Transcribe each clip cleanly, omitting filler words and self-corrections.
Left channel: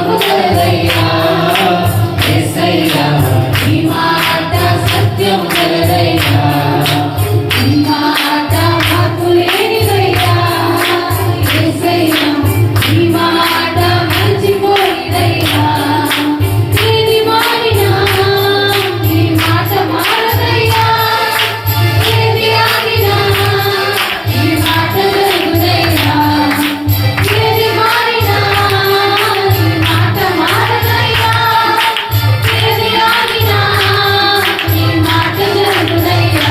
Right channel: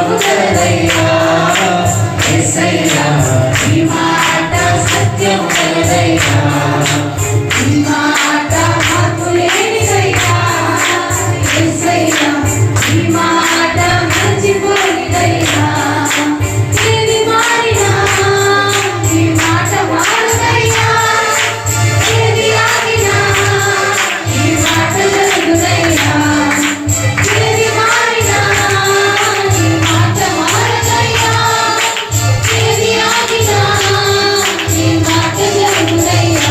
జీవము కలదయ్యా యేసయ్యా నీ మాట సత్యము కలదయ్యా నీ మాట మార్పు లేనిదయ్యా యేసయ్యా నీ మాట మర్చిపోనిదయ్యా ఏది మారినా నీ మాట మారదయ్యా ఏది ఆగినా నీ మాట జరుగుదయ్యా ఏది మారినా నీ మాట మారదయ్యా ఏది ఆగినా నీ మాట జరుగుదయ్యా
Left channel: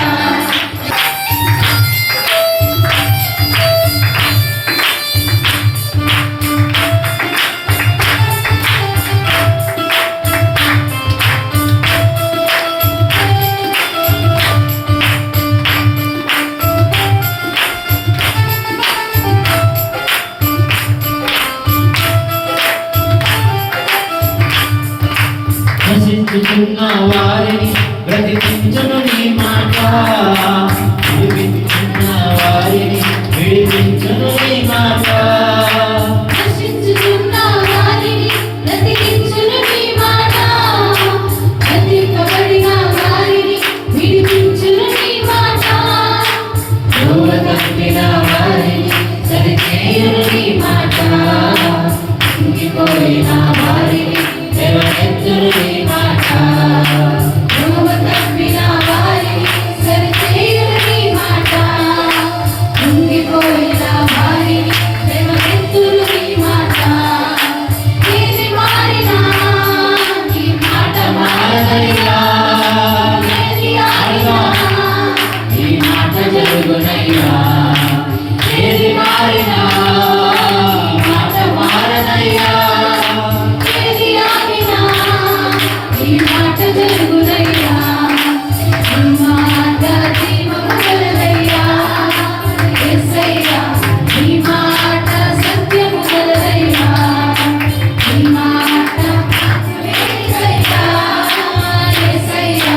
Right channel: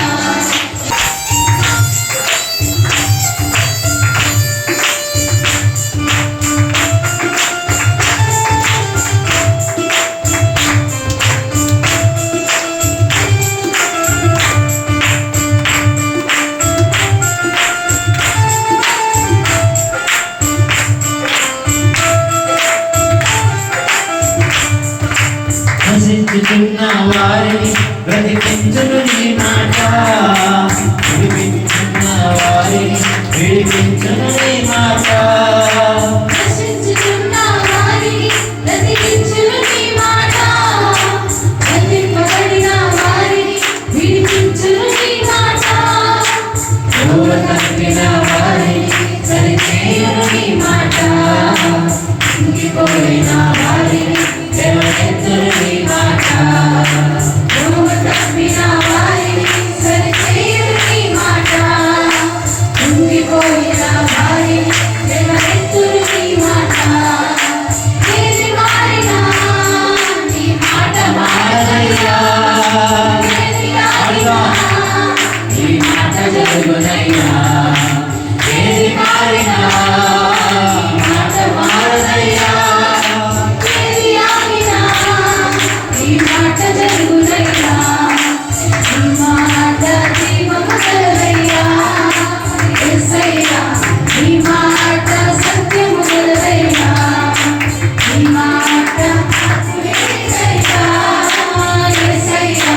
నశించుతున్న వారిని బ్రతికించును నీ మాట విడిపించున్న వారిని విడిపించును నీ మాట నశించుతున్న వారిని బ్రతికించును నీ మాట బంధింపబడిన వారిని విడిపించును నీ మాట త్రోవ తప్పిన వారిని సరిచేయును నీ మాట కుంగిపోయిన వారిని లేవనెత్తును నీ మాట త్రోవ తప్పిన వారిని సరిచేయును నీ మాట కుంగిపోయిన వారిని లేవనెత్తును నీ మాట ఏది మారినా నీ మాట మారదయ్యా ఏది ఆగినా నీ మాట జరుగునయ్యా ఏది మారినా నీ మాట మారదయ్యా ఏది ఆగినా నీ మాట జరుగునయ్యా నీ మాట జీవము కలదయ్యా యేసయ్యా నీ మాట సత్యము కలదయ్యా నీ మాట లేనిదయ్యా యేసయ్యా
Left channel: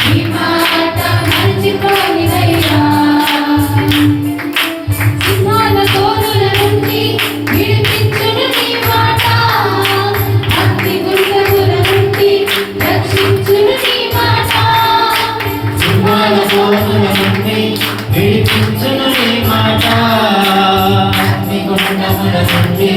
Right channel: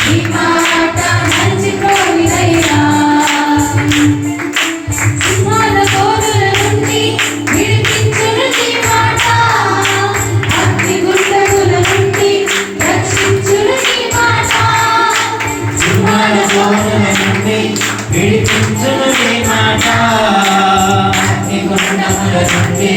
నీ మాట మర్చిపోనిదయ్యా సింహాల తోలుల నుండి విడిపించును నీ మాట అగ్ని గుండముల నుండి రక్షించును నీ మాట సింహాల తోలుల నుండి విడిపించును నీ మాట అగ్నిగుండముల నుండి